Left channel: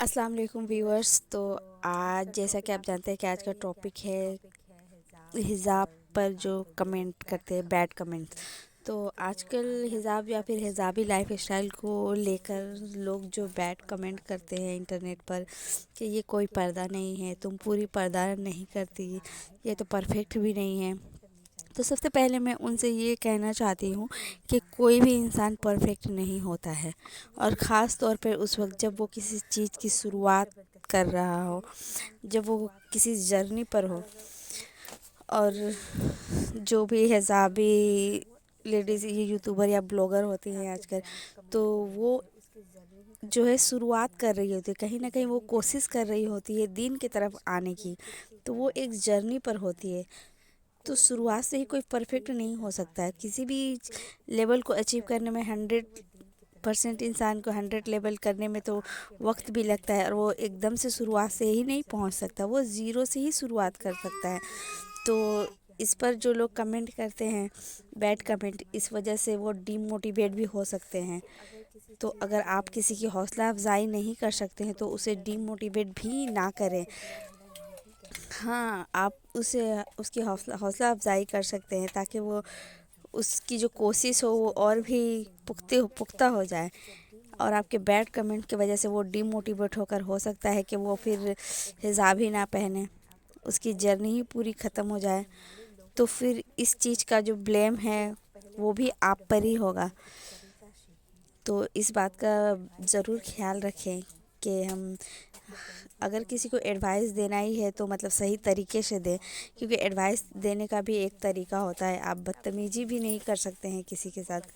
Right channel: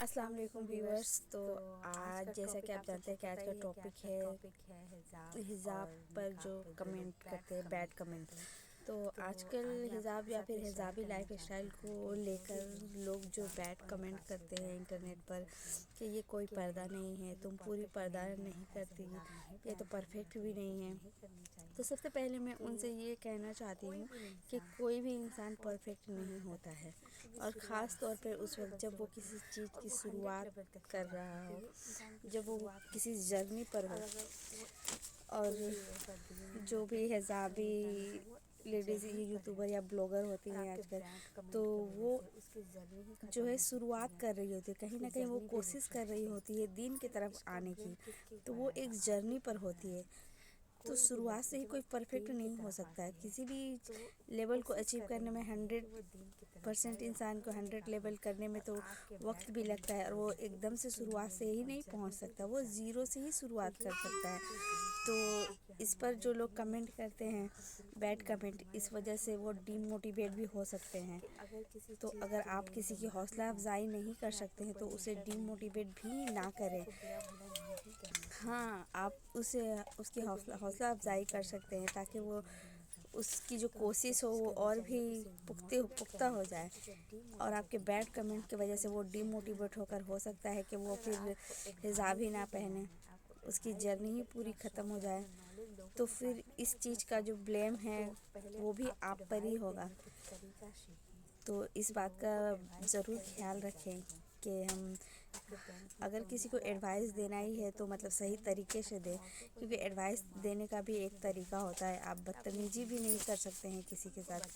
السلام علیکم ویورز. تو آج جیسا کہ آپ جانتے ہیں کہ آج کا ٹاپک ہے حجاب پر جو کمنٹ کرتے ہیں بیڈ کمنٹ. تو آج کل حجاب یا پھر حجابی لائف اسٹائل کو لے کر لوگ جو بیڈ کمنٹ کرتے ہیں انٹرنیٹ پر کہ یہ کوئی پردہ نہیں ہے، تم پوری پردہ نہیں کرتی، یہ تو پرفیکٹ بھی نہیں ہے. تو سب سے پہلے میں ان سے یہ کہنا چاہتی ہوں کہ کوئی بھی انسان پرفیکٹ نہیں ہوتا ہے، اور خاص طور پہ اس وقت جب وہ کسی چیز کی شروعات کر رہا ہو، جب وہ کسی جرنی پر ہو. اور جو بھی حجابی لیڈیز یہ یوٹیوبر یا بلاگر ہوتی ہیں آج کل، تو وہ جو ہے شروعات کر رہی ہوتی ہے، کہیں نہ کہیں وہ کوشش کر رہی ہوتی ہے دین کی طرف آنے کی. تو وہ ایک جرنی پر ہوتی ہے. تو شروعات سے ہی کوئی پرفیکٹ نہیں ہو سکتا ہے. کسی بھی لیول کو اچیو کرنے میں 100% انسان کو 100 لیول کرنے میں تو وقت بھی لگتا ہے، اور وہ ایک دم سے شروعات سے ہی نہیں پہنچ سکتا، وہ زیرو سے ہی شروعات کر سکتا ہے. تو اس پر جو لوگ کمنٹ کرتے ہیں بیڈ کمنٹ، اس وجہ سے وہ ڈی موٹیویٹ بھی ہو سکتے ہیں. تو اگر آپ کسی کی حوصلہ افزائی نہیں کر سکتے ہیں تو اسے ڈی موٹیویٹ بھی نہ کریں. ہاں، آپ اس کی حوصلہ افزائی کر سکتے ہیں تاکہ وہ اس کی جو کوشش ہو وہ اور بھی پختہ ہو جائے. اور آپ کے بیڈ کمنٹ کی وجہ سے وہ ڈی موٹیویٹ ہو سکتا ہے کہ وہ پھر حجاب ہی نہ پہنے، اس کی جرنی ہی پوری ختم ہو جائے. تو پھر اس چیز کا جو بلیم ہے وہ بھی آپ پر ہی ہوگا. تو اس بات کا ضرور خیال رکھیں کہ ہم اگر کسی کو ایڈوائس دینا ہی ہے تو مطلب صحیح طریقے سے دیں، کیونکہ ایڈوائس دینے کا بھی ایک طریقہ ہوتا ہے. آپ بدتمیزی بھی نہیں کر سکتے ہیں کسی کے ساتھ.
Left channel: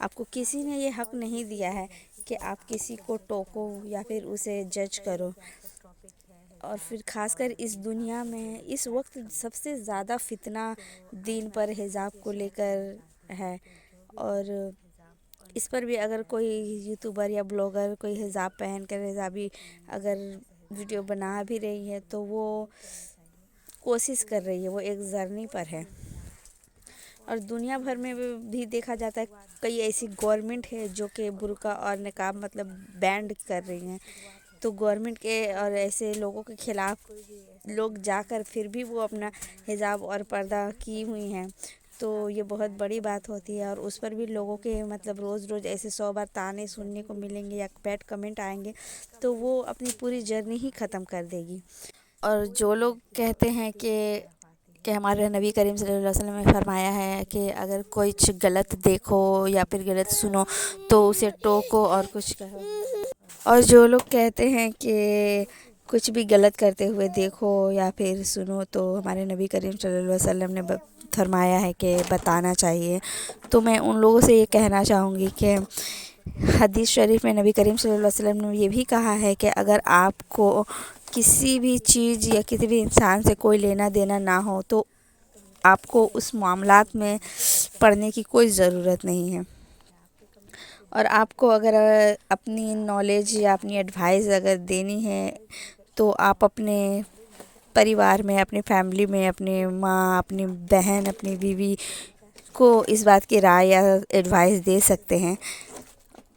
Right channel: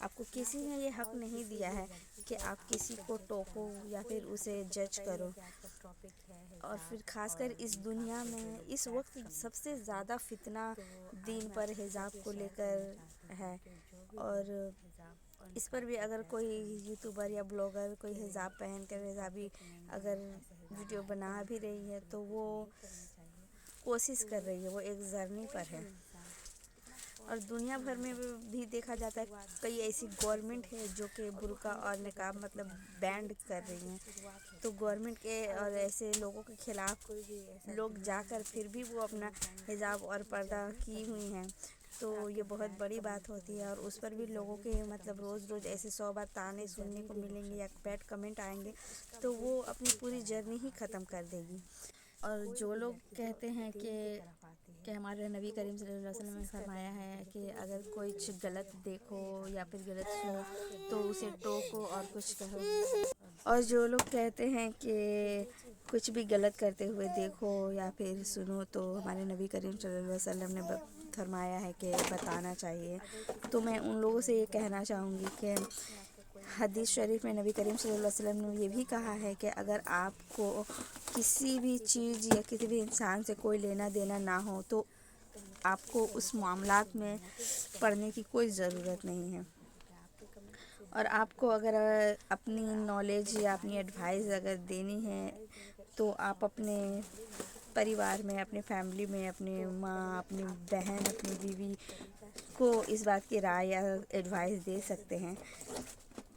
آپ کو کسی نے یہ حق نہیں دیا ہے کہ آپ کسی کو ٹوکو یا پھر اسے جج کرو. اور پھر خاص کر اس دنیا میں اس وقت سب سے زیادہ فتنہ دین پر حجاب کو لے کر ہے. اور اس پر بھی اگر کوئی یوٹیوبر یا بلاگر کوئی حجاب پہن کر حجابی اگر ویڈیو بنا بھی رہی ہے تو وہ کوشش کر رہی ہے، وہ ایک جرنی پر ہے. اور دنیا بھر میں بھی دیکھا جاتا ہے کئی ایسی گورنمنٹ ہے جو کہ برقع اور نقاب مطلب بینڈ کر رہی ہیں. تو گورنمنٹ کے اور ایسے لوگوں کے خلاف لوگ جا کر پھر بھی وہ اپنا حجاب اور پردہ کی ہوئی ہیں. تو یہ بہت بڑی بات ہوتی ہے، اور اس پر بھی لوگوں کے مطلب روز ایسے 100 بار تانے سننے کو ملیں گے یا بیڈ کمنٹ آئیں گے تو وہ اپنی پوری جرنی ہی ختم کر دے گی. اور جو لوگ کہتے ہیں کہ ہمارے نبی کریم صلی اللہ علیہ وسلم نے فرمایا ہے کہ اگر کوئی غلط دیکھو یا پھر غلط سنو تو اسے ٹوکو اور کچھ کہو. اور جو لوگ کہتے ہیں کہ کچھ بھی غلط کرتے ہوئے دیکھو یا پھر سنو تو ہمارے نبی کریم صلی اللہ علیہ وسلم نے فرمایا ہے کہ بتانا چاہیے. تو میں ان لوگوں سے یہ کہنا چاہوں گی کہ حدیث شریف میں نبی کریم صلی اللہ علیہ وسلم نے یہ بھی کہا ہے کہ اگر آپ کو کسی بھی چیز یا کسی بھی انسان سے کوئی لینا دینا نہ ہو تو آپ کو اس معاملات میں پڑھنے کی کوئی ضرورت نہیں ہے. اور آپ کو اگر اپنی نالج یا اپنی ایڈوائس اگر دینی ہے تو آپ اپنے پریوار میں، اپنی فیملی میں، اپنی ماں، اپنی بہن، اپنی بیوی کو اس بات کی رائے یا ایڈوائس دے سکتے ہیں.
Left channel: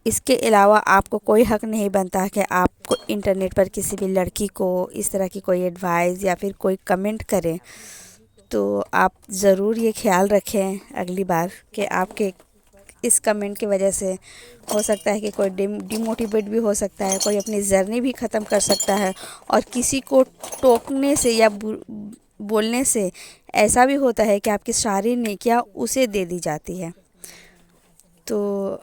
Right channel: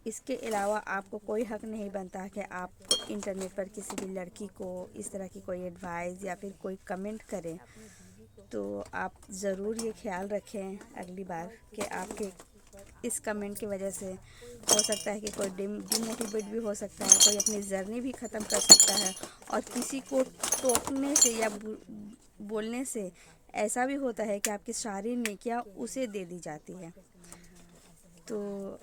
اس کے علاوہ آپ کو کوئی حق نہیں بنتا کہ آپ کو انٹرنیٹ پر کسی بھی لڑکی کو اس طرح کی کوئی ایڈوائس یا پھر کوئی کمنٹ کریں. تو آپ ضرور یہ خیال رکھیں اگلی بار کہ آپ کے اس کمنٹ کی وجہ سے ہو سکتا ہے کہ کوئی ڈی موٹیویٹ بھی ہو سکتا ہے، کوئی اپنی جرنی بھی ختم کر سکتا ہے. اور کسی کو ٹوکنے سے یا بولنے سے ایسا بھی ہوتا ہے کہ آپ کی ساری نیکیاں اسے دے دی جاتی ہے. تو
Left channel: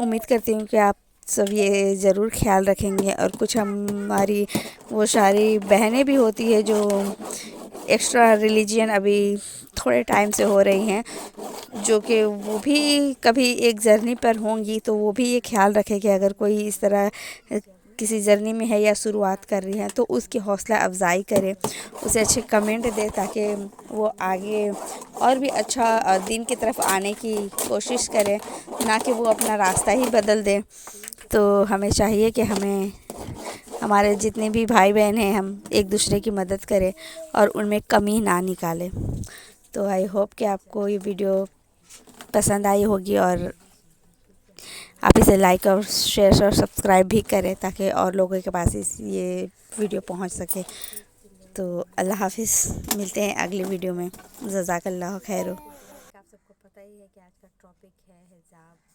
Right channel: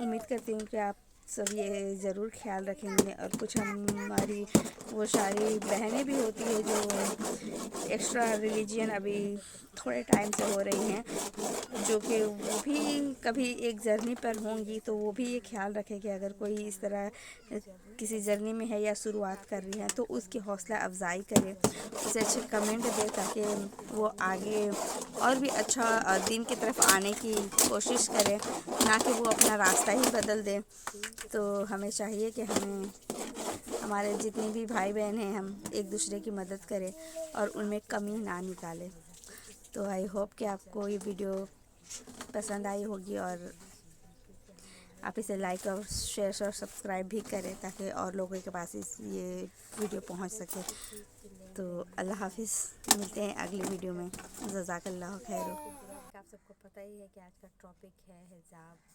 امید کرتی ہوں کہ آپ سب یہ ضرور خیال رکھیں گے. اور کچھ ہماری وہ ساری بہنیں بھی ہوتی ہے جو ایکسٹرا ریلیجین ابھی تھوڑے ٹائم سے ہو رہی ہیں، جو کہ وہ بھی کبھی ایک جرنی پر ہوں گی تو وہ بھی یہ خیال رکھے کہ اگر کوئی اس طرح کسی جرنی میں ہے یا شروعات کر رہی ہے تو اس کی حوصلہ افزائی کرے، اسے اچھے کمنٹ دے تاکہ وہ آگے اور بھی اچھا دین کی طرف آنے کی کوشش کرے، نہ کہ وہ اپنا راستہ ہی بدل دے. تو ہمیں چاہیے کہ ہمارے جتنے بھی بھائی بہن ہیں ہم ایک دوسرے کی مدد کریں اور ان میں کمی نہ نکالیں. تو آئی ہوپ کہ آپ کو یہ ویڈیو پسند آئی ہوگی اور آپ اسے لائک اور شیئر اور سبسکرائب بھی کریں تاکہ اور لوگوں کے پاس یہ ویڈیو پہنچ سکے. تو اللہ حافظ, ملتے ہیں اگلی ویڈیو میں. جزاک اللہ خیر. آپ سب کو پتہ ہی ہے کہ آج کا ٹاپک ہے حجاب.